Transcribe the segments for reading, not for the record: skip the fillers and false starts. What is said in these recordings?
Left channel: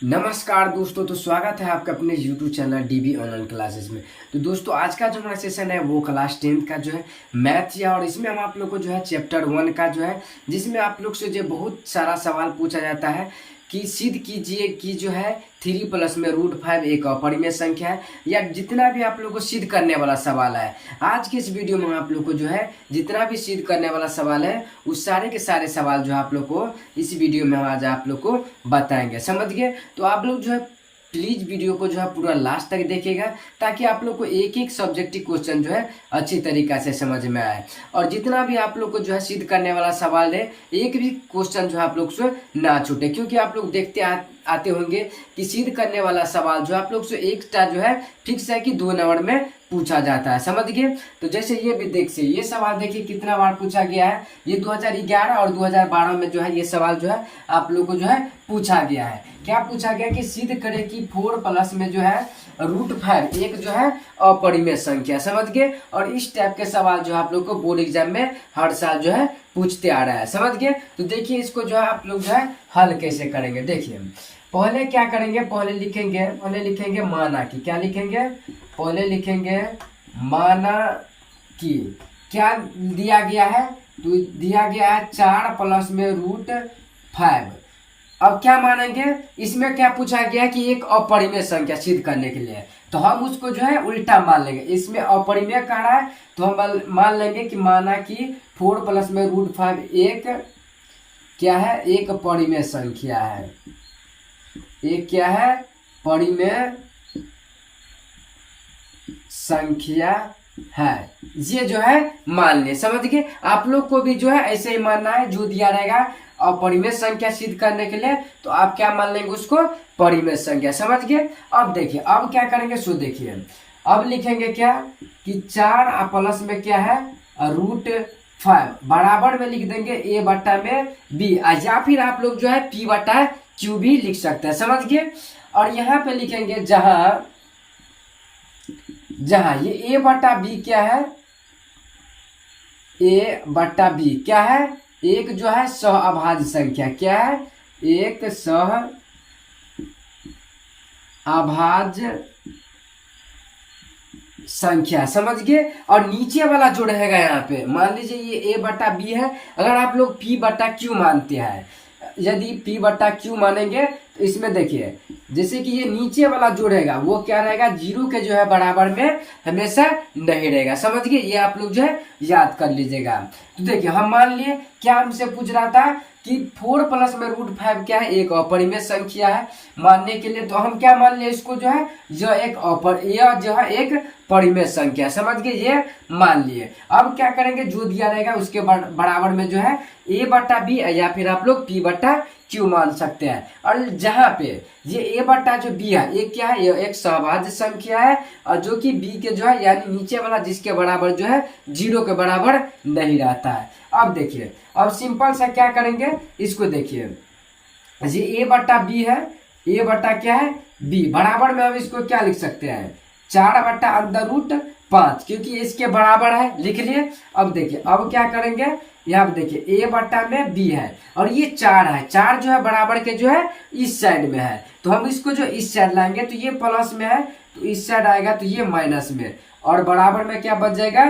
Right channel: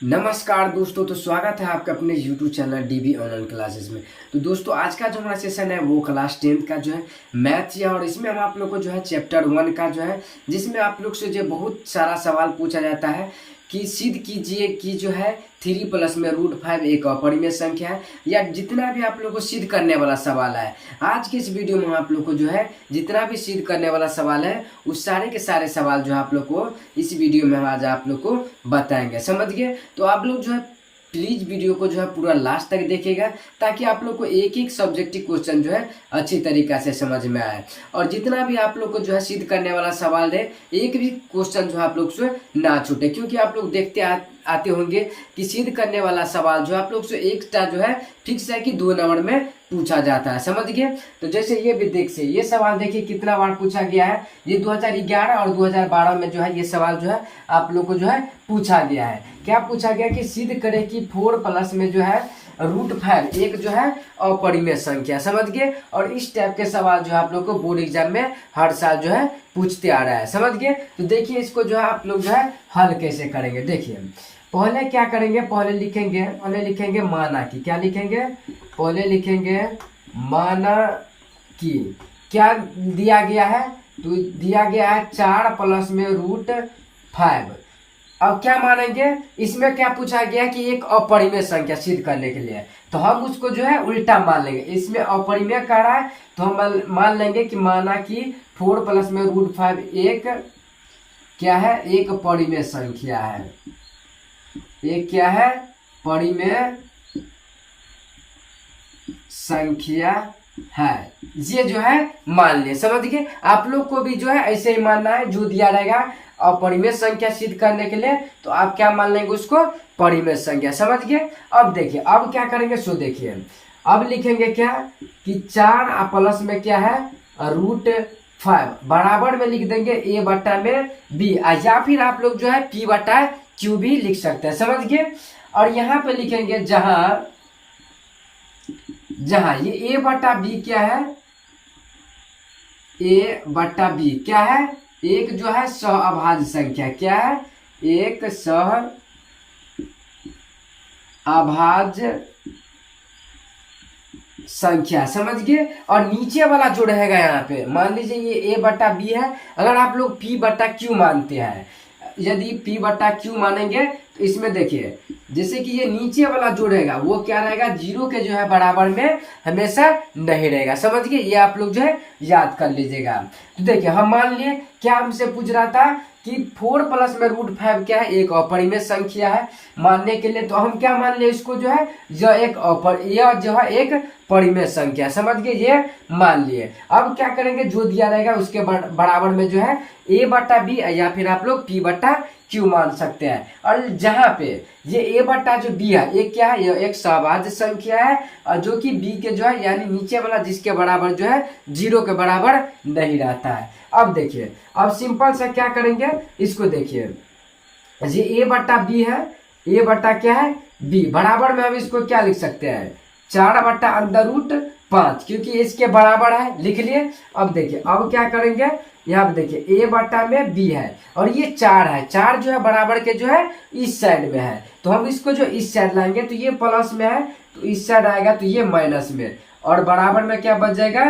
नमस्कार दोस्तों, तो स्वागत है आपका अपने YouTube channel dB online classes में। तो दोस्तों आज का जो हमारा सेशन है वो क्लास 10th का जो है मैथ है, और इसमें हम आप लोग को जो है चैप्टर 1 का जो है, जिसमें आप लोग से जो बहुत सारा सवाल पूछा जाता है कि सिद्ध कीजिए कि जो है 3 प्लस में √5 एक अपरिमेय संख्या है, या जितना भी आप लोग को सिद्ध करने वाला सवाल है। आज की इस वीडियो में हम आप लोग को जो है जितना भी सिद्ध करने वाला सवाल है उस सारे के सारे सवाल जो है आप लोग को इस वीडियो में हम आज आप लोग को बताएंगे, समझ गए। तो आप लोग जो है प्लीज वीडियो को जो है पूरा लास्ट तक देखिएगा, ताकि आप लोग को एक एक सब्जेक्टिव क्वेश्चन जो है अच्छी तरीका से समझ में आए, और जितना भी आप लोग को जो है सिद्ध करने वाला सवाल है एक भी क्वेश्चन जो है आप लोग से ना छूटे, क्योंकि आप लोग देखते आते होंगे कि सिद्ध करने वाला सवाल जो आप लोग से एक जो है फिक्स है कि 2 नंबर में पूछा जाता है, समझ गए। तो जैसे ये भी देखिए, ये सवाल देखिए कितना बार पूछा गया है। ये 2011 और 2012 में जो है ये सवाल जो है आप लोग को जो है पूछा गया है। क्या पूछा गया कि सिद्ध करें कि 4 प्लस में जो है √5 एक जो है अपरिमेय संख्या, समझ गए। और इस टाइप के सवाल जो है आप लोग को बोर्ड एग्जाम में हर साल जो है पूछते आ रहा है, समझ गए। तो देखिए इसको जो है आप लोग जो है हल कैसे करेंगे। देखिए पहले क्या करेंगे, पहले लिखेंगे माना कि, क्या लिखेंगे, पहले लिखेंगे माना कि क्या दिया गया है, तो दिया गया है 4 प्लस में √5। अब क्या मानेंगे, इसमें क्या पूछा गया है कि एक अपरिमेय संख्या सिद्ध करने के लिए, तो हम उसको जो है उल्टा मान लेंगे। इसमें अपरिमेय कह रहा है तो हम मान लेंगे कि माना कि 4 प्लस में √5 एक क्या है, एक परिमेय संख्या है। एक क्या है, परिमेय संख्या है। ये जो है मान ले, समझ गए। आप लोग को भी जो है ऐसे ही मानना है, जो दिया रहेगा अपरिमेय संख्या सिद्ध करने के लिए तो आप क्या मान लेंगे उसको, परिमेय संख्या, समझ गए। अब देखिए अब क्या करेंगे, सो देखिए अब लिखेंगे क्या कि 4 प्लस में क्या है √5 बराबर में लिख देंगे a बटा में b, या फिर आप लोग जो है p बटा q भी लिख सकते हैं, समझ गए। और यहाँ पे लिखेंगे जहां ये a बटा b क्या है, a बटा b क्या है, एक जो है सहअभाज्य संख्या, क्या है, एक सहअभाज्य संख्या, समझ गए। और नीचे वाला जो रहेगा यहाँ पे, मान लीजिए ये a बटा b है, अगर आप लोग p बटा q मानते हैं, यदि p बटा q मानेंगे तो इसमें देखिए जैसे कि ये नीचे वाला जो रहेगा वो क्या रहेगा, 0 के जो है बराबर में हमेशा नहीं रहेगा, समझ गए। ये आप लोग जो है याद कर लीजिएगा। तो देखिए हम मान लिए क्या हमसे पूछ रहा था कि 4 प्लस में √5 क्या है, एक अपरिमेय संख्या है मानने के लिए, तो हम क्या मान लिए इसको जो है जो एक परिमेय संख्या, समझ गए, ये मान लिए। अब क्या करेंगे, जो दिया रहेगा उसके बराबर में जो है a बटा b, या फिर आप लोग p बटा q मान सकते हैं। और जहां पे ये a बटा जो b है, एक क्या है, ये एक सहअभाज्य संख्या है, और जो कि b के जो है यानी नीचे वाला जिसके बराबर जो है 0 के बराबर नहीं रहता है। अब देखिए अब सिंपल सा क्या करेंगे, इसको देखिए ये a बटा b है, a बटा क्या है b, बराबर में हम इसको क्या लिख सकते हैं, 4 बटा √5, क्योंकि इसके बराबर है, लिख लिए। अब देखिए अब क्या करेंगे, यहाँ पे देखिए a बटा में b है, और ये 4 है, 4 जो है बराबर के जो है इस साइड में है, तो हम इसको जो इस साइड लाएंगे तो ये प्लस में है, तो इस साइड आएगा तो ये माइनस में, और बराबर में क्या बच जाएगा,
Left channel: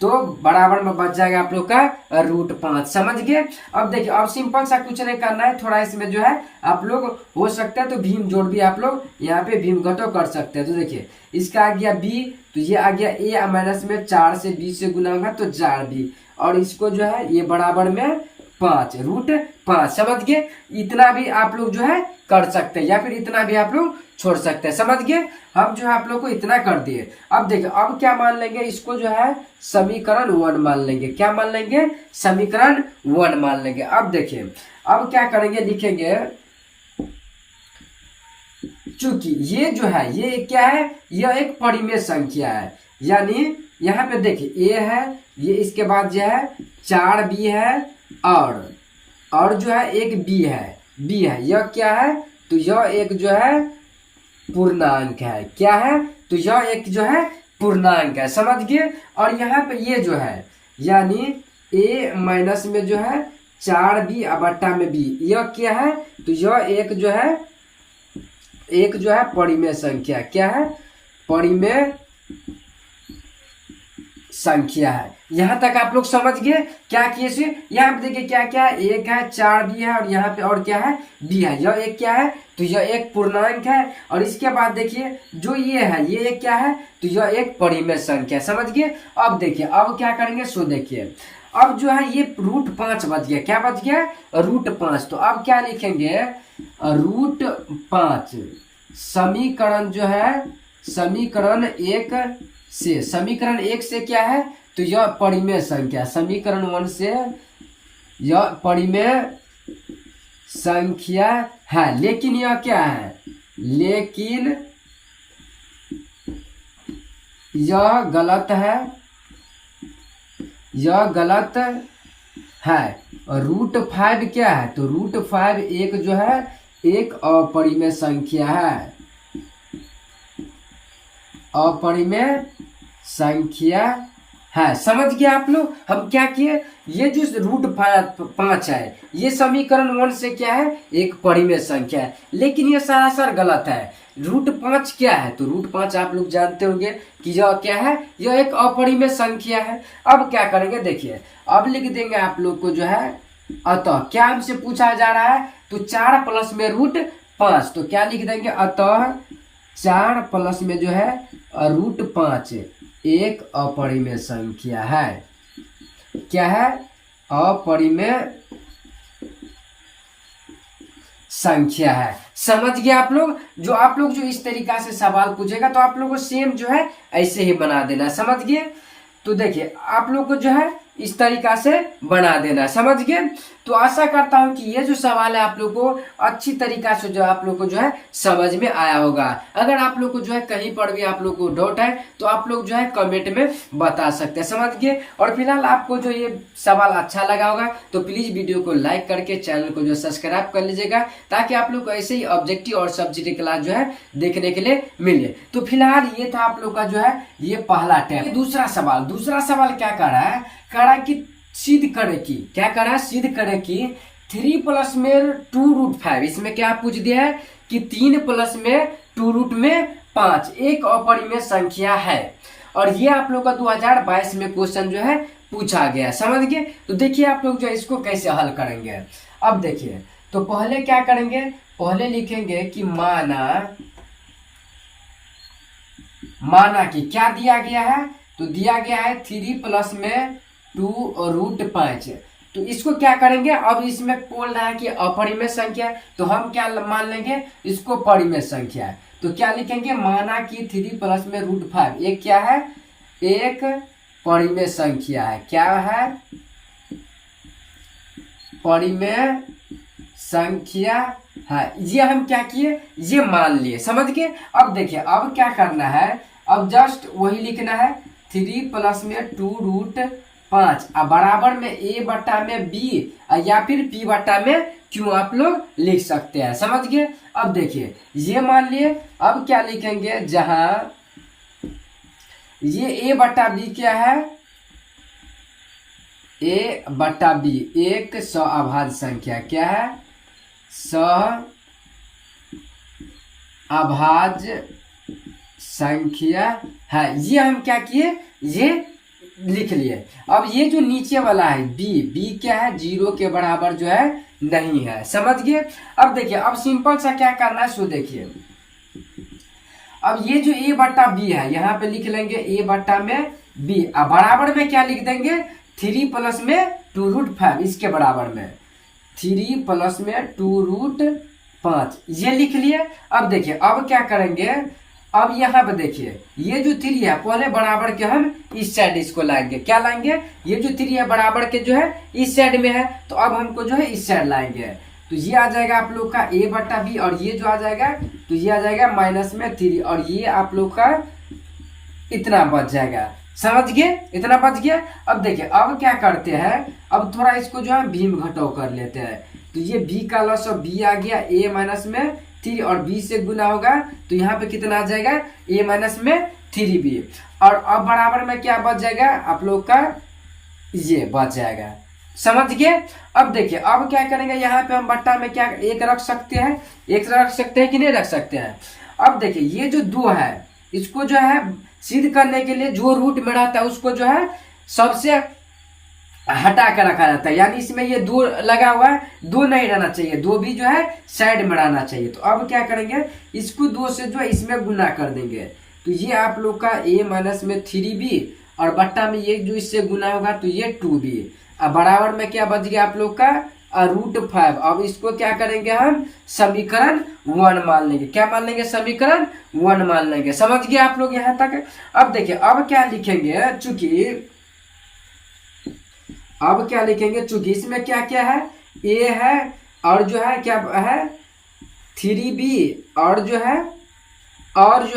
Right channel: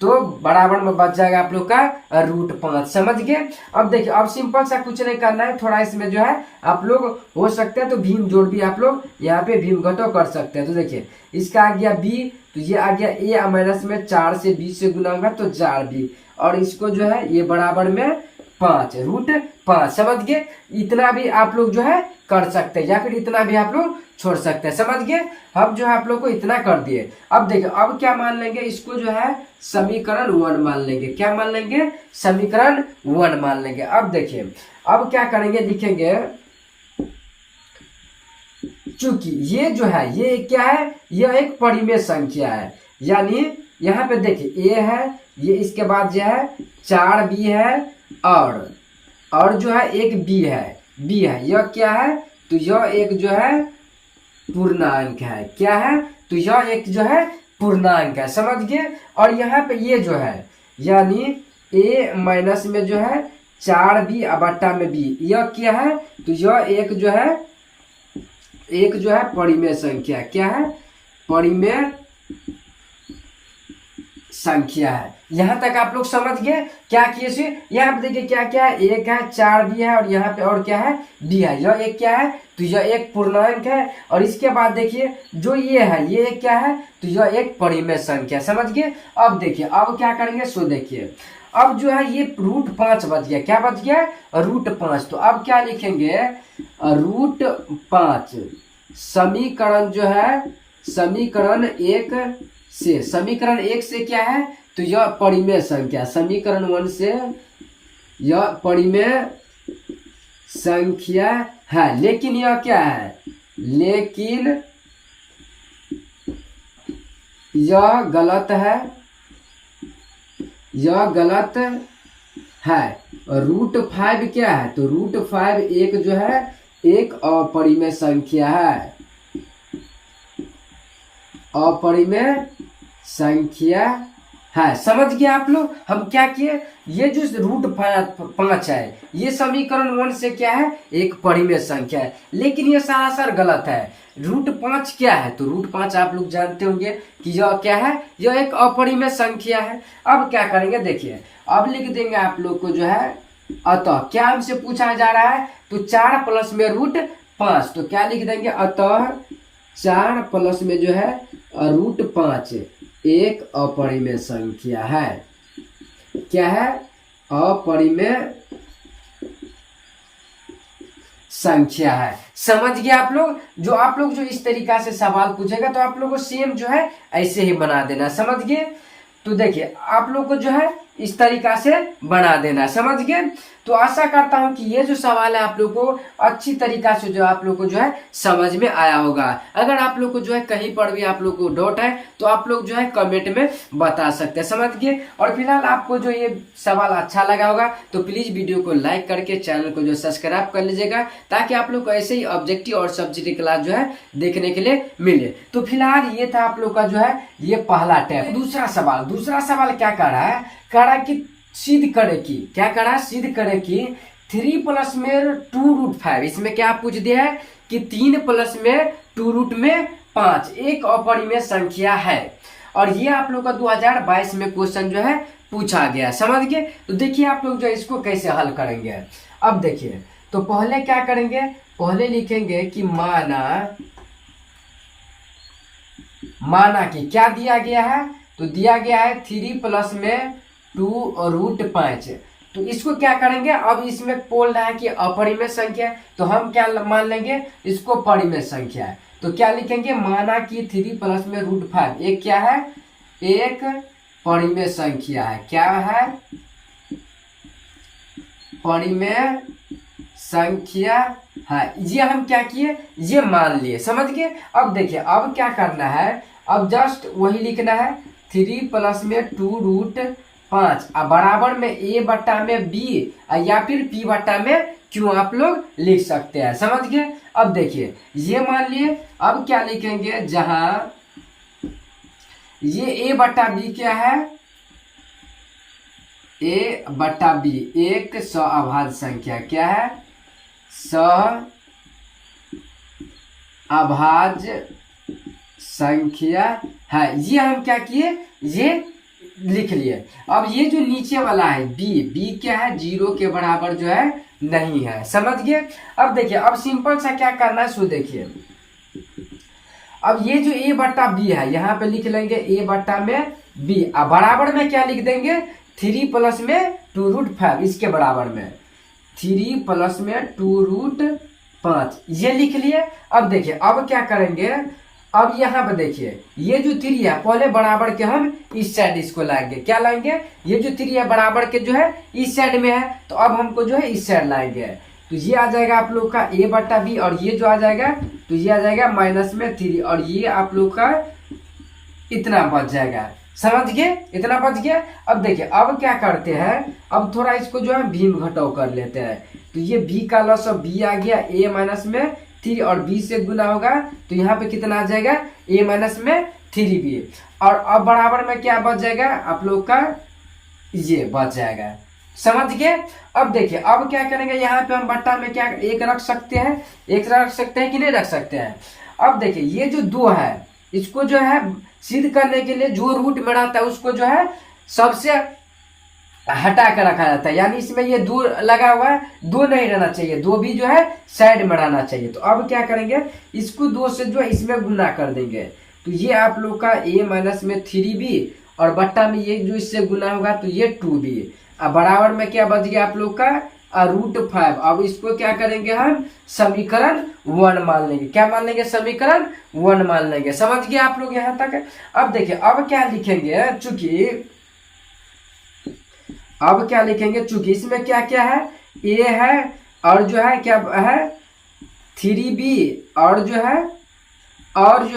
तो बराबर में बच जाएगा आप लोग का √5, समझ गए। अब देखिए अब सिंपल सा कुछ नहीं करना है, थोड़ा इसमें जो है आप लोग हो सकता है तो भीम जोड़ भी आप लोग यहाँ पे भीम घटाव कर सकते हैं। तो देखिए इसका आ गया b, तो ये आ गया a माइनस में 4 से b से गुना होगा तो 4b, और इसको जो है ये बराबर में 5 √5, समझ गए। इतना भी आप लोग जो है कर सकते हैं, या फिर इतना भी आप लोग छोड़ सकते हैं, समझ गए। हम जो है आप लोग को इतना कर दिए। अब देखिए अब क्या मान लेंगे, इसको जो है समीकरण 1 मान लेंगे, क्या मान लेंगे, समीकरण 1 मान लेंगे। अब देखिए अब क्या करेंगे, लिखेंगे चूंकि ये जो है ये क्या है, यह एक परिमेय संख्या है, यानी यहाँ पे देखिए a है, ये इसके बाद जो है 4b है, और जो है एक b है, यह क्या है, तो यह एक जो है पूर्णांक है, क्या है, तो यह एक जो है पूर्णांक है, समझ गए। और यहाँ पे ये जो है यानी a माइनस में जो है 4b बटा में b, यह क्या है, तो यह एक जो है एक जो है परिमेय संख्या, क्या है, परिमेय संख्या है। यहां तक आप लोग समझ गए क्या किए से। यहाँ पे देखिए क्या क्या है, एक है, 4 भी है, और यहाँ पे और क्या है, बी है। यह एक क्या है, तो यह एक पूर्णांक है। और इसके बाद देखिए जो ये है, ये एक क्या है, तो यह एक परिमेय संख्या, समझ गए। अब देखिए अब क्या करेंगे, सो देखिए अब जो है ये √5 बच गया, क्या बच गया, √5। तो अब क्या लिखेंगे, √5 समीकरण जो है, समीकरण 1 से, समीकरण 1 से क्या है, तो यह परिमेय संख्या, समीकरण 1 से यह परिमेय संख्या है। लेकिन यह क्या है, लेकिन यह गलत है, यह गलत है। √5 क्या है, तो √5 एक जो है एक अपरिमेय संख्या है, अपरिमेय संख्या है। समझ गए आप लोग। हम क्या किए, ये जो √5 है ये समीकरण 1 से क्या है, एक परिमेय संख्या है। लेकिन ये सरासर गलत है। √5 क्या है, तो √5 आप लोग जानते होंगे कि यह क्या है, यह एक अपरिमेय संख्या है। अब क्या करेंगे देखिए, अब लिख देंगे आप लोग को जो है, अतः क्या हमसे पूछा जा रहा है, तो 4 प्लस में √5, तो क्या लिख देंगे, अतः 4 प्लस में जो है √5 एक अपरिमेय संख्या है। क्या है, अपरिमेय संख्या है। समझ गए आप लोग। जो आप लोग जो इस तरीका से सवाल पूछेगा तो आप लोग को सेम जो है ऐसे ही बना देना, समझ गए। तो देखिए आप लोग को जो है इस तरीका से बना देना, समझ गए। तो आशा करता हूं कि ये जो सवाल है आप लोग को अच्छी तरीका से जो आप लोग को जो है समझ में आया होगा। अगर आप लोग को जो है कहीं पर भी आप लोग को डाउट है तो आप लोग जो है कमेंट में बता सकते हैं, समझ गए। और फिलहाल आपको जो ये सवाल अच्छा लगा होगा तो प्लीज वीडियो को लाइक करके चैनल को जो सब्सक्राइब कर लीजिएगा, ताकि आप लोग को ऐसे ही ऑब्जेक्टिव और सब्जेक्टिव क्लास जो है देखने के लिए मिले। तो फिलहाल ये था आप लोग का जो है ये पहला टैप। दूसरा सवाल क्या कर रहा है, कह रहा है कि सिद्ध करे कि, क्या कर रहा है, सिद्ध करे कि 3 प्लस में 2√5, इसमें क्या पूछ दिया है कि 3 प्लस में 2√5 एक अपरिमेय संख्या है। और ये आप लोग का 2022 में क्वेश्चन जो है पूछा गया, समझ गए। तो देखिए आप लोग जो इसको कैसे हल करेंगे। अब देखिए तो पहले क्या करेंगे, पहले लिखेंगे कि माना कि क्या दिया गया है, तो दिया गया है 3 प्लस में 2√5। तो इसको क्या करेंगे, अब इसमें बोल रहा है कि अपरिमेय संख्या है, तो हम क्या मान लेंगे, इसको परिमेय संख्या है। तो क्या लिखेंगे, माना कि 3 प्लस में √5 एक क्या है, एक परिमेय संख्या है। क्या है, परिमेय संख्या है। ये हम क्या किए, ये मान लिए, समझ गए। अब देखिए अब क्या करना है, अब जस्ट वही लिखना है, 3 प्लस में 2√5 बराबर में a बटा में b या फिर p बटा में q आप लोग लिख सकते हैं, समझ गए। अब देखिए ये मान लिए, अब क्या लिखेंगे, जहां ये a बटा b क्या है, a बटा b एक सअभाज्य संख्या, क्या है, सअभाज्य संख्या है। ये हम क्या किए, ये लिख लिए। अब ये जो नीचे वाला है b क्या है, 0 के बराबर जो है नहीं है, समझ गए। अब देखिए अब सिंपल सा क्या करना है, सो देखिए अब ये जो a बटा b है यहाँ पे लिख लेंगे a बटा में b बराबर में क्या लिख देंगे, 3 प्लस में 2√5 इसके बराबर में 3 प्लस में 2√5 ये लिख लिए। अब देखिए अब क्या करेंगे, अब यहाँ पे देखिए ये जो 3 है पहले बराबर के हम इस साइड इसको लाएंगे, क्या लाएंगे, ये जो 3 है बराबर के जो है इस साइड में है, तो अब हमको जो है इस साइड लाएंगे। तो ये आ जाएगा आप लोग का a बटा b, और ये जो आ जाएगा तो ये आ जाएगा -3, और ये आप लोग का इतना बच जाएगा, समझ गए, इतना बच गया। अब देखिए अब क्या करते हैं, अब थोड़ा इसको जो है भीम घटाव कर लेते हैं। तो ये b का लॉस ऑफ b आ गया a माइनस में 3 और b से गुना होगा, तो यहाँ पे कितना आ जाएगा, a माइनस में 3b। और अब बराबर में क्या बच जाएगा आप लोग का, ये बच जाएगा। समझ गए। अब देखिए अब क्या करेंगे, यहाँ पे हम बट्टा में क्या एक रख सकते हैं, एक रख सकते हैं कि नहीं रख सकते हैं। अब देखिए ये जो 2 है इसको जो है सिद्ध करने के लिए जो रूट में रहता है उसको जो है सबसे हटा कर रखा जाता है, यानी इसमें ये 2 लगा हुआ है, 2 नहीं रहना चाहिए, 2 भी जो है साइड में रहना चाहिए। तो अब क्या करेंगे, इसको 2 से जो है इसमें गुना कर देंगे, तो ये आप लोग का a माइनस में 3b और बट्टा में ये जो इससे गुना होगा तो ये 2b। अब बराबर में क्या बच गया आप लोग का √5। अब इसको क्या करेंगे, हम समीकरण 1 मान लेंगे। क्या मान लेंगे, समीकरण 1 मान लेंगे। समझ गए आप लोग यहाँ तक। अब देखिए अब क्या लिखेंगे, चूंकि इसमें क्या क्या है, a है और जो है क्या है 3b और जो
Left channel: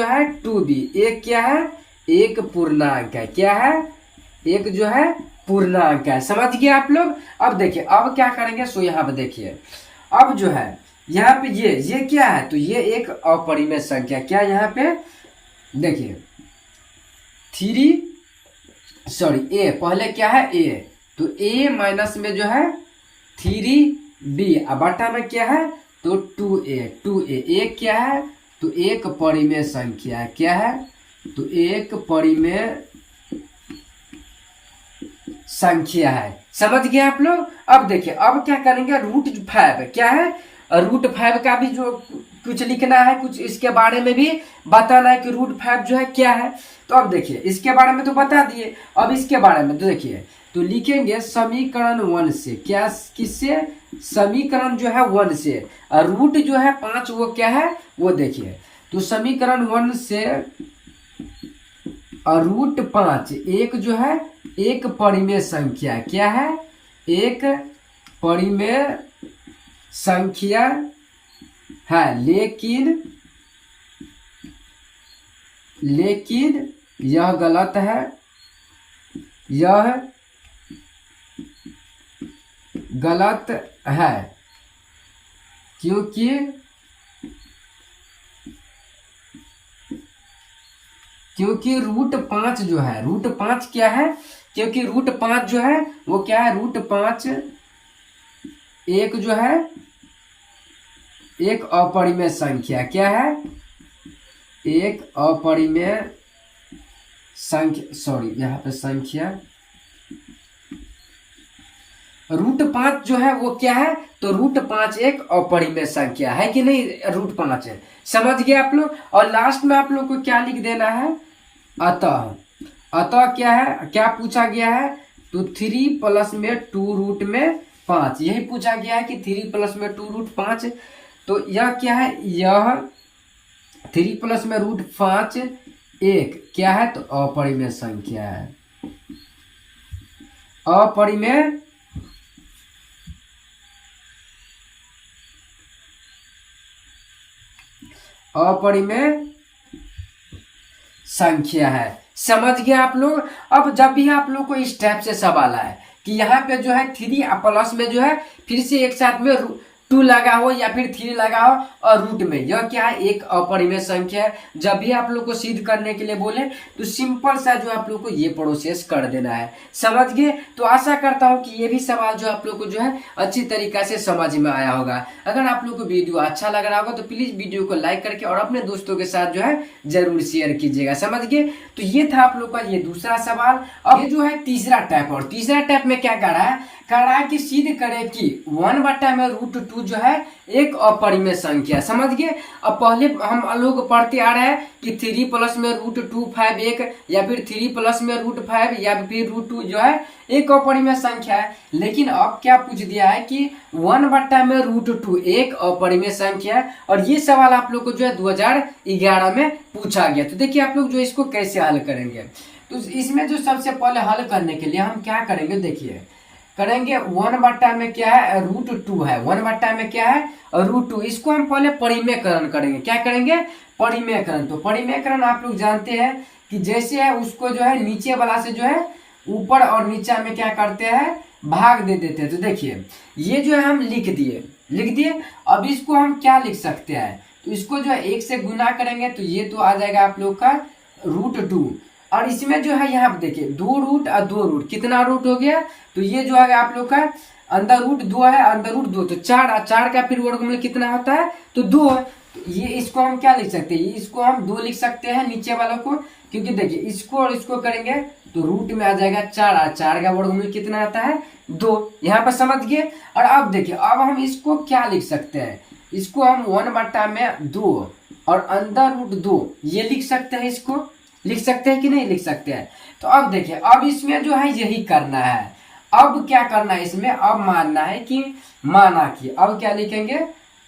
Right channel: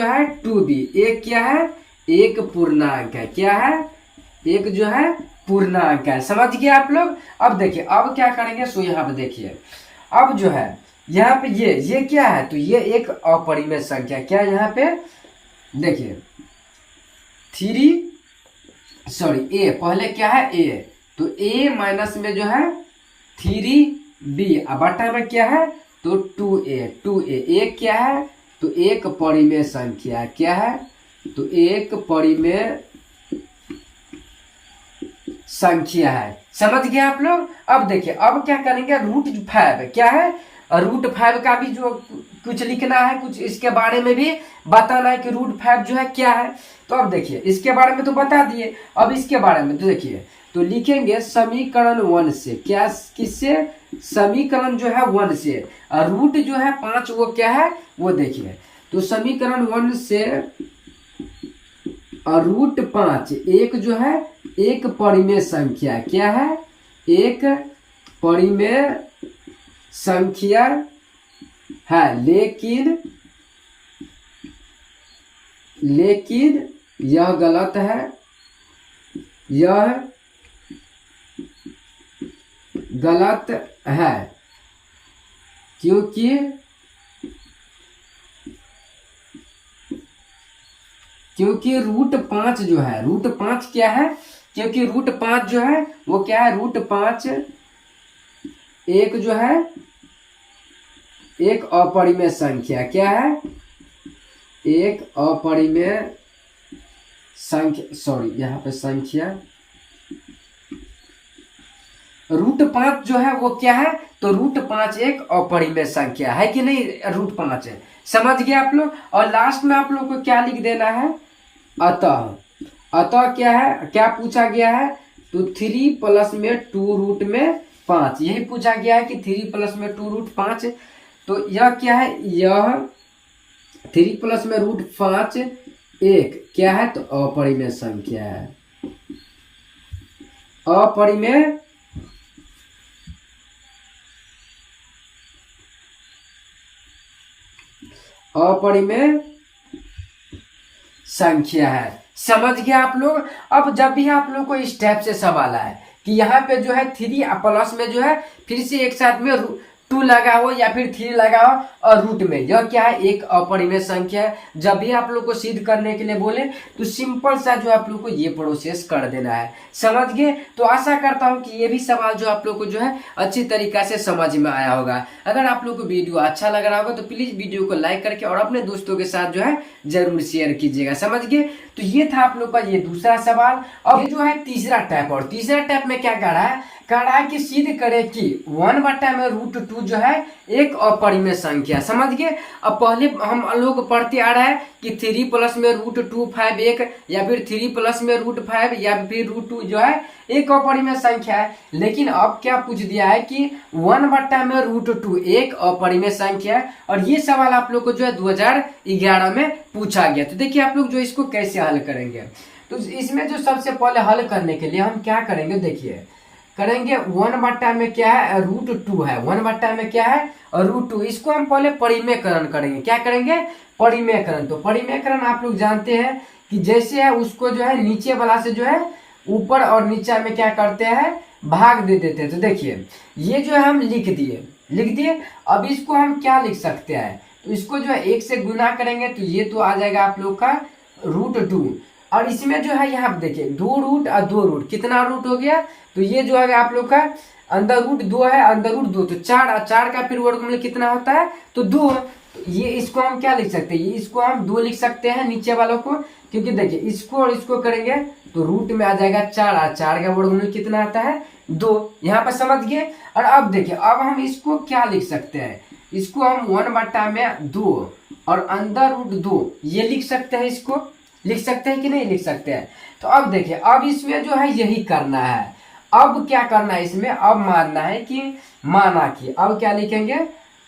है 2b। एक क्या है, एक पूर्णांक है, क्या है, एक जो है पूर्णांक है। समझ गए आप लोग। अब देखिए अब क्या करेंगे, सो यहाँ पे देखिए अब जो है यहाँ पे ये क्या है, तो ये एक अपरिमेय संख्या। क्या यहाँ पे देखिए a पहले क्या है a, तो a माइनस में जो है 3b अब बटा में क्या है तो 2a एक क्या है तो एक परिमेय संख्या है। क्या है, तो एक परिमेय संख्या है। समझ गए आप लोग। अब देखिए अब क्या करेंगे, √5 क्या है, √5 का भी जो कुछ लिखना है, कुछ इसके बारे में भी बताना है कि √5 जो है क्या है। तो अब देखिए इसके बारे में तो बता दिए, अब इसके बारे में तो देखिए तो लिखेंगे समीकरण 1 से, क्या किससे, समीकरण जो है 1 से, और रूट जो है 5 वो क्या है वो देखिए, तो समीकरण 1 से और √5 एक जो है एक परिमेय संख्या। क्या है, एक परिमेय संख्या है, लेकिन यह गलत है, यह गलत है क्योंकि √5 जो है, √5 क्या है, क्योंकि √5 जो है वो क्या है, √5 एक जो है एक अपरिमेय संख्या। क्या है, एक अपरिमेय संख्या, सॉरी यहाँ पे संख्या, √5 जो है वो क्या है, तो √5 एक अपरिमेय संख्या है कि नहीं, √5 है। समझ गए आप लोग। और लास्ट में आप लोग को क्या लिख देना है, अतः क्या है, क्या पूछा गया है, तो 3 प्लस में 2√5, यही पूछा गया है कि 3 प्लस में 2√5। तो यह क्या है, यह 3 प्लस में √5 एक क्या है, तो अपरिमेय संख्या है, अपरिमेय संख्या है। समझ गए आप लोग। अब जब भी आप लोग को इस टाइप से सवाल आए कि यहाँ पे जो है 3 प्लस में जो है फिर से एक साथ में 2 लगा हो या फिर 3 लगा हो और रूट में, यह क्या है, एक अपरिमेय संख्या है। जब भी आप लोग को सिद्ध करने के लिए बोले तो सिंपल सा जो आप लोग को ये प्रोसेस कर देना है। समझ गए। तो आशा करता हूँ कि ये भी सवाल जो आप लोग को जो है अच्छी तरीका से समझ में आया होगा। अगर आप लोग को वीडियो अच्छा लग रहा होगा तो प्लीज वीडियो को लाइक करके और अपने दोस्तों के साथ जो है जरूर शेयर कीजिएगा। समझ गए। तो ये था आप लोग का ये दूसरा सवाल। अब ये जो है तीसरा टाइप, और तीसरा टाइप में क्या कर रहा है कि सिद्ध करे कि 1 में √2 जो है एक अपरिमेय संख्या। समझ गए। अब पहले हम लोग पढ़ते आ रहे हैं कि 3 प्लस में √2 5 एक, या फिर 3 प्लस में √5 या फिर √2 जो है एक अपरिमेय संख्या है। लेकिन अब क्या पूछ दिया है कि 1 में √2 एक अपरिमेय संख्या है, और ये सवाल आप लोग को जो है 2011 में पूछा गया। तो देखिए आप लोग जो इसको कैसे हल करेंगे। तो इसमें जो सबसे पहले हल करने के लिए हम क्या करेंगे, देखिए करेंगे 1 में क्या है, √2 है, 1 में क्या है √2, इसको हम पहले परिमेयकरण करेंगे। क्या करेंगे, परिमेयकरण। तो परिमेयकरण आप लोग जानते हैं कि जैसे है उसको जो है नीचे वाला से जो है ऊपर और नीचे में क्या करते हैं, भाग दे देते हैं। तो देखिए ये जो है हम लिख दिए। अब इसको हम क्या लिख सकते हैं, तो इसको जो है 1 से गुना करेंगे तो ये तो आ जाएगा आप लोग का √2, और इसमें जो है यहाँ पे देखिए 2 रूट और 2 रूट, कितना रूट हो गया, तो ये जो है आप लोग का अंदर रूट 2 है, अंदर रूट 2, तो 4, और 4 का फिर वर्गमूल कितना होता है, तो 2। तो ये इसको हम क्या लिख सकते हैं, ये इसको हम 2 लिख सकते हैं नीचे वालों को, क्योंकि देखिए इसको और इसको करेंगे तो रूट में आ जाएगा 4, और 4 का वर्गमूल कितना आता है, 2। यहाँ पर समझ गए। और अब देखिए अब हम इसको क्या लिख सकते हैं, इसको हम 1/2 और अंदर रूट 2 ये लिख सकते हैं, इसको लिख सकते हैं कि नहीं लिख सकते हैं। तो अब देखिए अब इसमें जो है यही करना है, अब क्या करना है इसमें, अब मानना है कि माना कि, अब क्या लिखेंगे,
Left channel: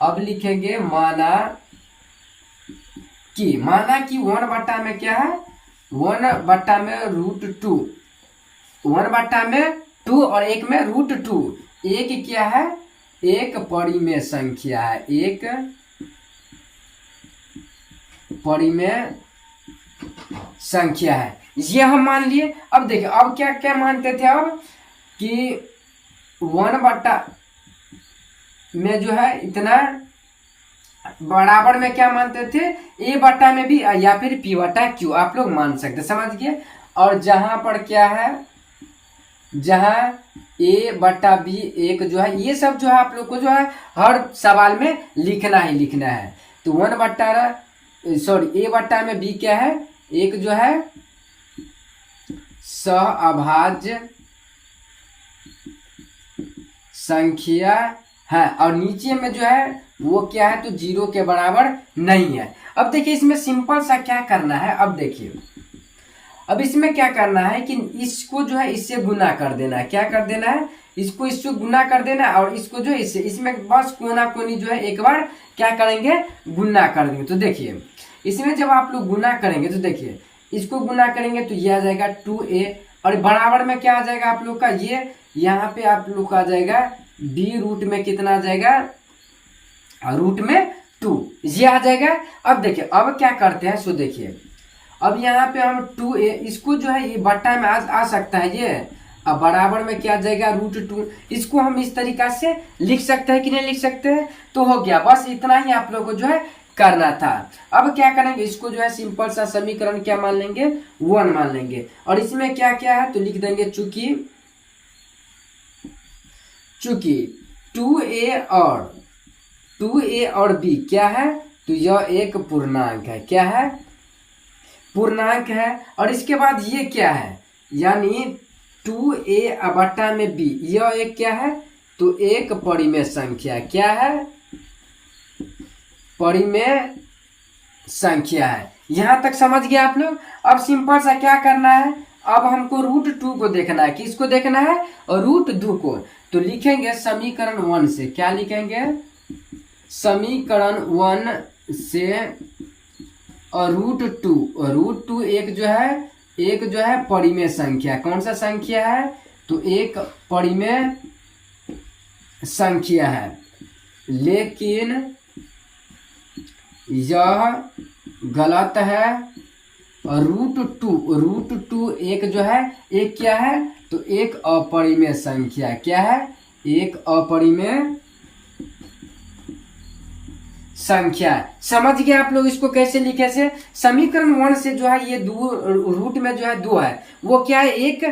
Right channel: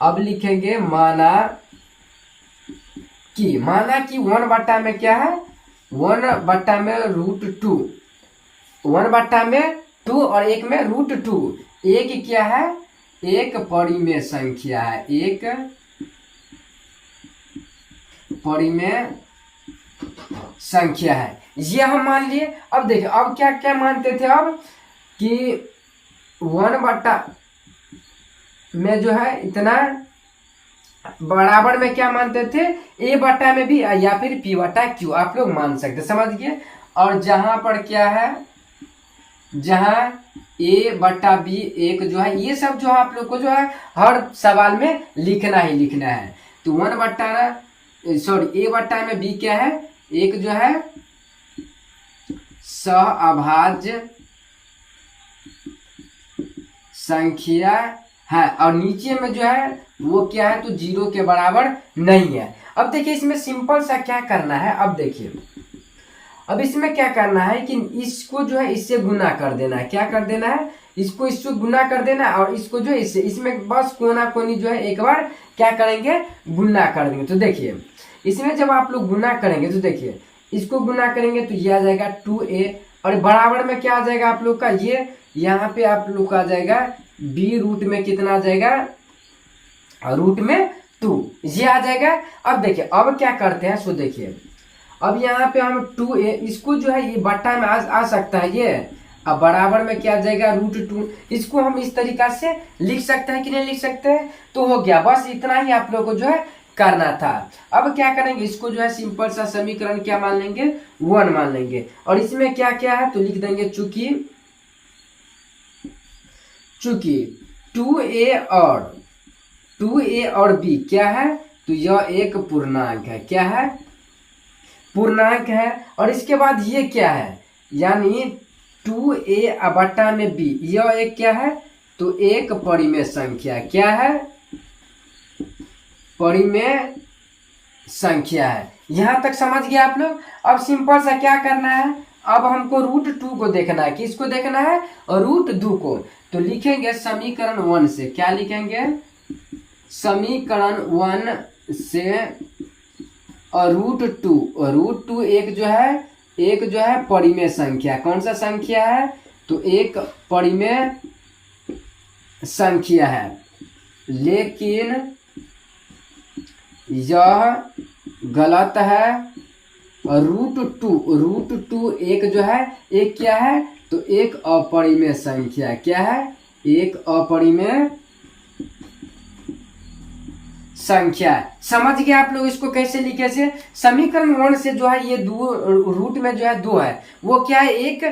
अब लिखेंगे माना कि, माना कि 1 में क्या है, 1 में रूट 2, 1 में 2 और 1 में रूट 2, एक क्या है, एक परिमेय संख्या है, एक परिमेय संख्या है, ये हम मान लिए। अब देखिए अब क्या क्या मानते थे, अब कि 1 में जो है इतना बराबर में क्या मानते थे, a बटा में भी या फिर p बटा q, आप लोग मान सकते, समझ गए। और जहां पर क्या है, जहां a बटा b एक जो है, ये सब जो है आप लोग को जो है हर सवाल में लिखना ही लिखना है। तो 1 बटा सॉरी a बटा में b क्या है, एक जो है सहअभाज्य संख्या है, और नीचे में जो है वो क्या है, तो 0 के बराबर नहीं है। अब देखिए इसमें सिंपल सा क्या करना है, अब देखिए अब इसमें क्या करना है कि इसको जो है इससे गुना कर देना है, क्या कर देना है, इसको इससे गुना कर देना है, और इसको जो है इससे, इसमें बस कोना कोनी जो है एक बार क्या करेंगे, गुना कर देंगे। तो देखिए इसमें जब आप लोग गुना करेंगे तो देखिए इसको गुना करेंगे तो ये आ जाएगा 2a, और बराबर में क्या आ जाएगा आप लोग का, ये यहाँ पे आप लोग का आ जाएगा b रूट में कितना आ जाएगा, रूट में 2, ये आ जाएगा। अब देखिए अब क्या करते हैं, सो देखिए अब यहाँ पे हम 2a, इसको जो है ये बट्टा में आ सकता है ये, अब बराबर में क्या आ जाएगा, रूट 2, इसको हम इस तरीका से लिख सकते हैं कि नहीं लिख सकते हैं, तो हो गया, बस इतना ही आप लोग को जो है करना था। अब क्या करेंगे, इसको जो है सिंपल सा समीकरण क्या मान लेंगे, 1 मान लेंगे, और इसमें क्या क्या है तो लिख देंगे, चूंकि 2a और b क्या है, तो यह एक पूर्णांक है, क्या है, पूर्णांक है। और इसके बाद ये क्या है, यानी 2a बटा में b, यह एक क्या है, तो एक परिमेय संख्या, क्या है, परिमेय संख्या है। यहां तक समझ गए आप लोग। अब सिंपल सा क्या करना है, अब हमको रूट 2 को देखना है, किसको देखना है, और रूट 2 को, तो लिखेंगे समीकरण 1 से, क्या लिखेंगे, समीकरण 1 से, और रूट 2 एक जो है परिमेय संख्या, कौन सा संख्या है, तो एक परिमेय संख्या है, लेकिन यह गलत है। और रूट टू एक जो है, एक क्या है, तो एक अपरिमेय संख्या, क्या है, एक अपरिमेय संख्या। समझ गए आप लोग इसको कैसे लिखे से, समीकरण 1 से जो है ये रूट में जो है 2 है, वो क्या है, एक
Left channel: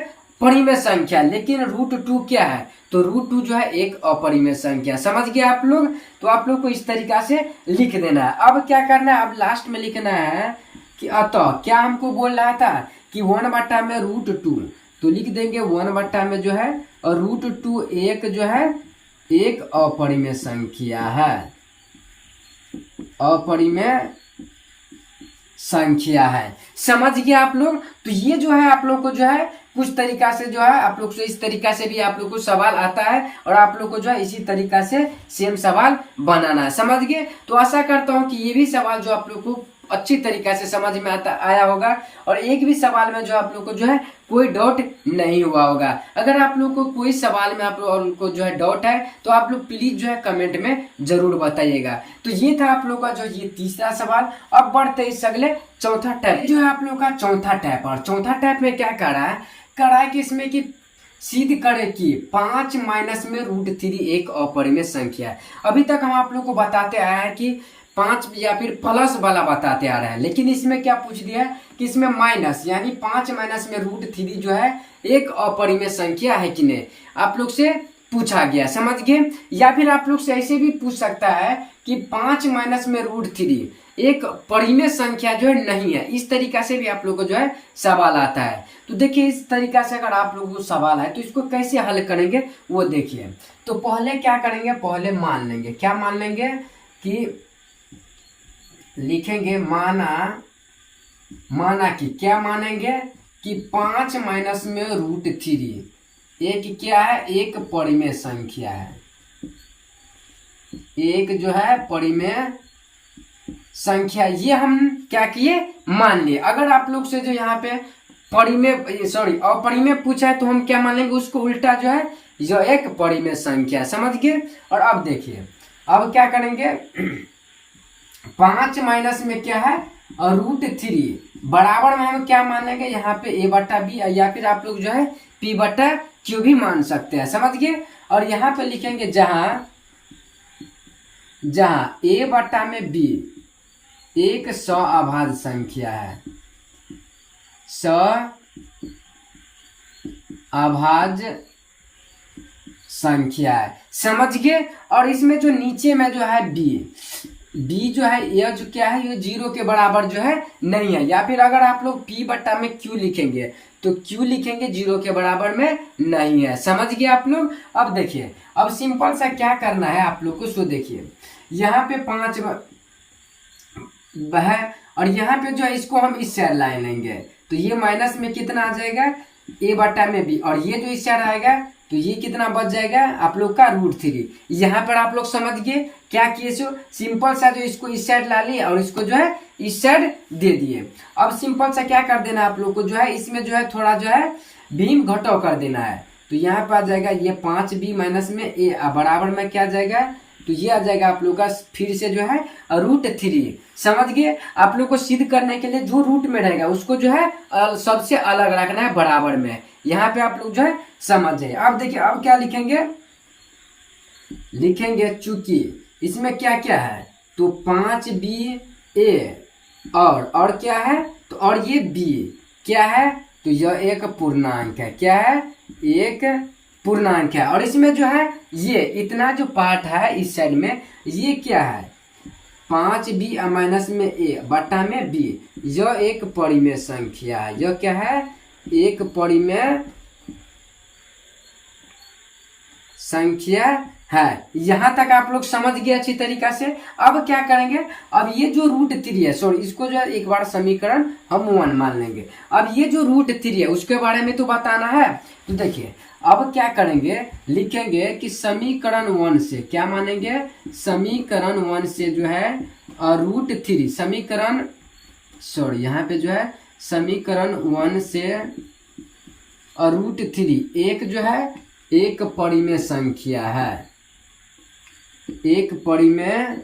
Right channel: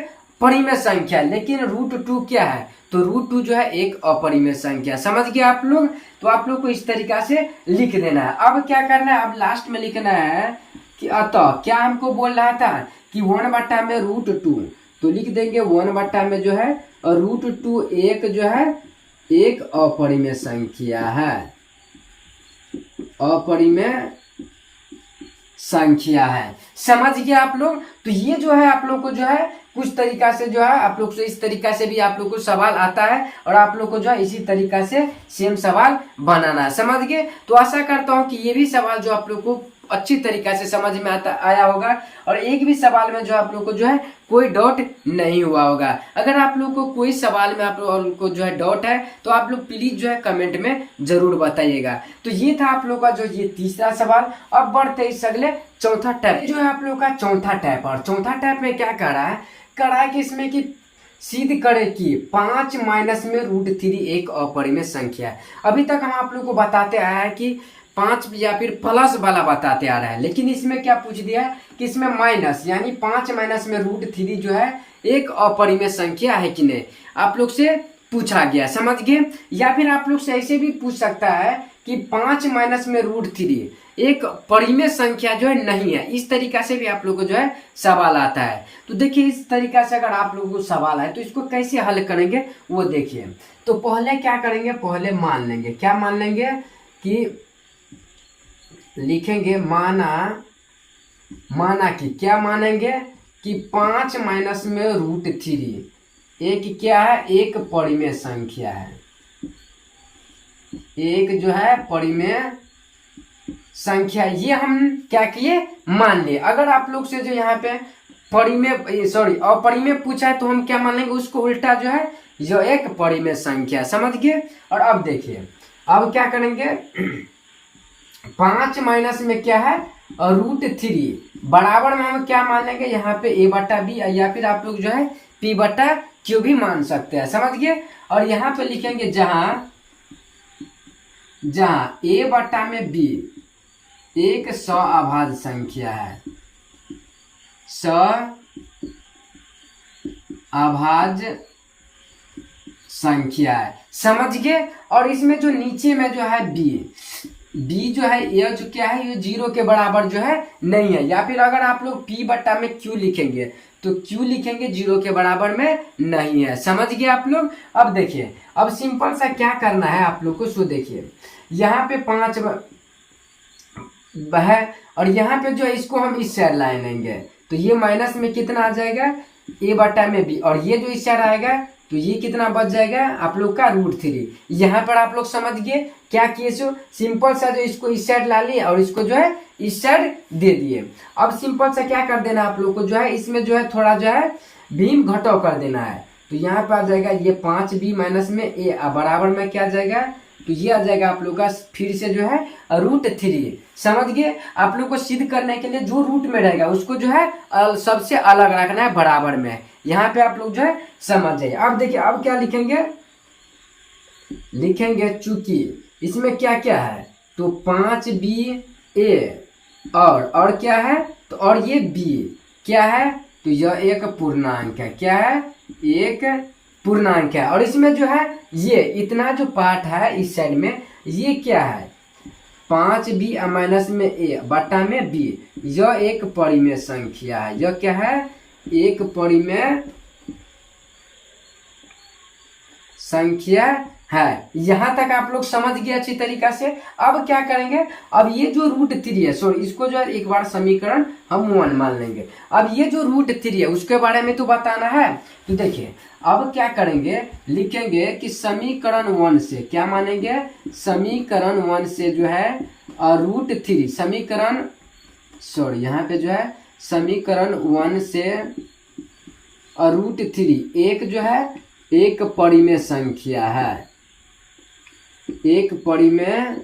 परिमेय संख्या, लेकिन रूट 2 क्या है, तो रूट 2 जो है एक अपरिमेय संख्या। समझ गए आप लोग, तो आप लोग को इस तरीका से लिख देना है। अब क्या करना है, अब लास्ट में लिखना है कि अतः क्या हमको बोल रहा था कि 1 बटा में रूट 2, तो लिख देंगे 1 बटा में जो है, और रूट 2 एक जो है एक अपरिमेय संख्या है, अपरिमेय संख्या है। समझ गए आप लोग। तो ये जो है आप लोग को जो है कुछ तरीका से जो है आप लोग से इस तरीका से भी आप लोग को सवाल आता है, और आप लोग को जो है इसी तरीका से सेम सवाल बनाना है। समझ गए। तो आशा करता हूँ कि ये भी सवाल जो आप लोग को अच्छी तरीका से समझ में आया होगा, और एक भी सवाल में जो आप लोग को जो है कोई डाउट नहीं हुआ होगा। अगर आप लोग को कोई सवाल में आप लोग को जो है डाउट है, तो आप लोग प्लीज जो है कमेंट में जरूर बताइएगा। तो ये था आप लोग का जो ये तीसरा सवाल। अब बढ़ते इस अगले चौथा टाइप जो है आप लोग का चौथा टाइप। और चौथा टाइप में क्या करा है कि इसमें कि सिद्ध करे कि 5 माइनस में रूट 3 एक अपरिमेय संख्या है। अभी तक हम आप लोग को बताते आए हैं कि 5 या फिर प्लस वाला बताते आ रहा है, लेकिन इसमें क्या पूछ दिया है कि इसमें माइनस, यानी 5 माइनस में √3 जो है एक अपरिमेय संख्या है कि नहीं, आप लोग से पूछा गया, समझ गए। या फिर आप लोग से ऐसे भी पूछ सकता है कि 5 माइनस में √3 एक परिमेय संख्या जो है नहीं है, इस तरीका से भी आप लोग को जो है सवाल आता है। तो देखिए इस तरीका से अगर आप लोगों को सवाल है तो इसको कैसे हल करेंगे वो देखिए। तो पहले क्या करेंगे, पहले मान लेंगे, क्या मान लेंगे कि लिखेंगे माना कि क्या मानेंगे कि 5 माइनस में √3 एक क्या है, एक परिमेय संख्या है, एक जो है परिमेय संख्या। ये हम क्या किए, मान लिए। अगर आप लोग से जो यहाँ पे अपरिमेय पूछा है तो हम क्या मान लेंगे, उसको उल्टा जो है जो एक परिमेय संख्या, समझ गए। और अब देखिए अब क्या करेंगे, 5 माइनस में क्या है √3 बराबर में हम क्या मान लेंगे, यहाँ पे a/b, या फिर आप लोग जो है p/q भी मान सकते हैं, समझ गए। और यहाँ पे लिखेंगे जहां a/b एक सअभाज्य संख्या है, सअभाज्य संख्या है, समझ गए। और इसमें जो नीचे में जो है b जो है ये जो क्या है, ये 0 के बराबर जो है नहीं है। या फिर अगर आप लोग p/q लिखेंगे तो q लिखेंगे 0 के बराबर में नहीं है, समझ गए आप लोग। अब देखिए अब सिंपल सा क्या करना है आप लोग को, सो देखिए यहाँ पे 5 है और यहाँ पे जो है इसको हम इस साइड लाइन लेंगे तो ये माइनस में कितना आ जाएगा, a/b, और ये जो इस साइड आएगा तो ये कितना बच जाएगा आप लोग का √3। यहाँ पर आप लोग समझ गए क्या किए, सो सिंपल सा जो इसको इस साइड ला लिए और इसको जो है इस साइड दे दिए। अब सिंपल सा क्या कर देना आप लोग को, जो है इसमें जो है थोड़ा जो है भीम घटाव कर देना है। तो यहाँ पे आ जाएगा ये 5b माइनस में a बराबर में क्या आ जाएगा, तो ये आ जाएगा आप लोग का फिर से जो है √3, समझ गए। आप लोग को सिद्ध करने के लिए जो रूट में रहेगा उसको जो है सबसे अलग रखना है बराबर में, यहाँ पे आप लोग जो है समझ जाइए। अब देखिए अब क्या लिखेंगे चूंकि इसमें क्या क्या है, तो 5ba और क्या है, तो और ये b क्या है, तो यह एक पूर्णांक है, क्या है, एक पूर्णांक है। और इसमें जो है ये इतना जो पार्ट है इस साइड में ये क्या है, 5b माइनस में a/b, यह एक परिमेय संख्या है, यह क्या है, एक परिमेय संख्या है। यहां तक आप लोग समझ गए अच्छी तरीका से। अब क्या करेंगे, अब ये जो √3 है, सॉरी इसको जो है एक बार समीकरण हम 1 मान लेंगे। अब ये जो √3 है उसके बारे में तो बताना है। तो देखिए अब क्या करेंगे, लिखेंगे कि समीकरण 1 से क्या मानेंगे, समीकरण 1 से जो है √3 समीकरण यहाँ पे जो है समीकरण 1 से √3 एक जो है एक परिमेय संख्या है, एक परिमेय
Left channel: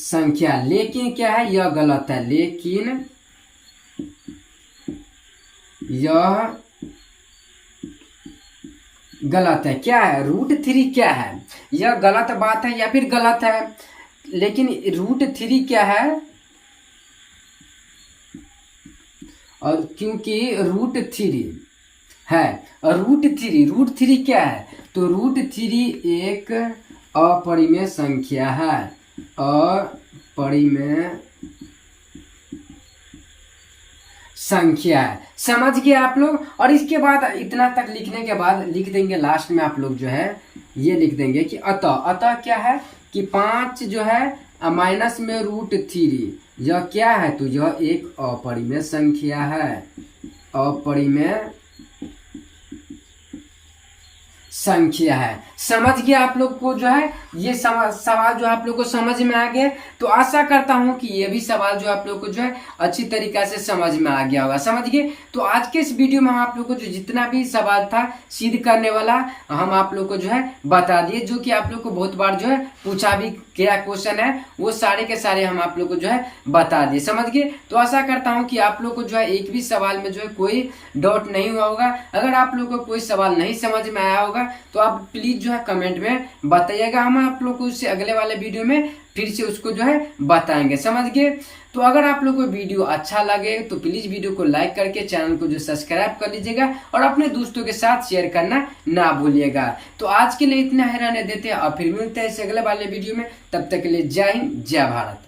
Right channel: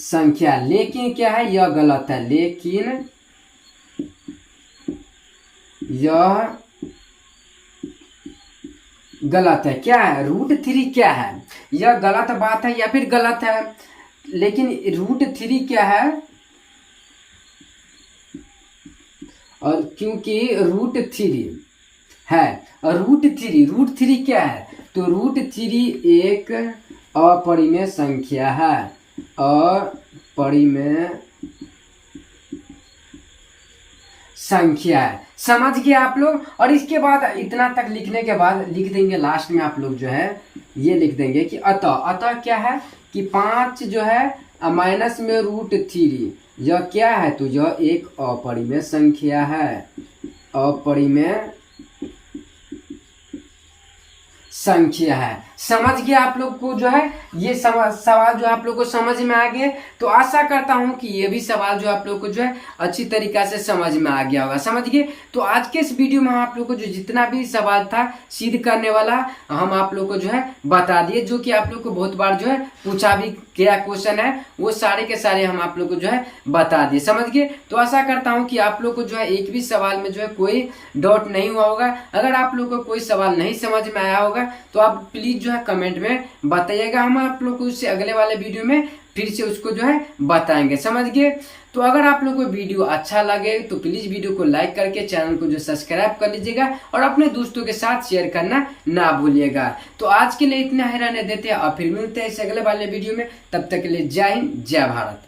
संख्या। लेकिन क्या है, यह गलत है, लेकिन यह गलत है। क्या है, √3 क्या है, यह गलत बात है या फिर गलत है, लेकिन √3 क्या है, और क्योंकि √3 है, √3 क्या है, तो √3 एक अपरिमेय संख्या है, अपरिमेय संख्या है, समझ गए आप लोग। और इसके बाद इतना तक लिखने के बाद लिख देंगे लास्ट में आप लोग जो है ये लिख देंगे कि अतः क्या है कि 5 जो है माइनस में √3 यह क्या है, तो यह एक अपरिमेय संख्या है, अपरिमेय संख्या है। समझ गया आप लोग को जो है ये सवाल जो आप लोग को समझ में आ गए। तो आशा करता हूं कि ये भी सवाल जो आप लोग को जो है अच्छी तरीका से समझ में आ गया होगा, समझ गए। तो आज के इस वीडियो में हम आप लोग को जो जितना भी सवाल था सिद्ध करने वाला हम आप लोग को जो है बता दिए, जो कि आप लोग को बहुत बार जो है पूछा भी गया क्वेश्चन है, वो सारे के सारे हम आप लोग को जो है बता दिए, समझ गए। तो आशा करता हूँ कि आप लोग को जो है एक भी सवाल में जो है कोई डाउट नहीं हुआ होगा। अगर आप लोग को कोई सवाल नहीं समझ में आया होगा तो आप प्लीज जो है कमेंट में बताइएगा, हम आप लोग को उससे अगले वाले वीडियो में फिर से उसको जो है बताएंगे, समझ गए। तो अगर आप लोग को वीडियो अच्छा लगे तो प्लीज़ वीडियो को लाइक करके चैनल को जो सब्सक्राइब कर लीजिएगा और अपने दोस्तों के साथ शेयर करना ना भूलिएगा। तो आज के लिए इतना ही रहने देते हैं और फिर मिलते हैं इस अगले वाले वीडियो में। तब तक के लिए जय हिंद, जय भारत।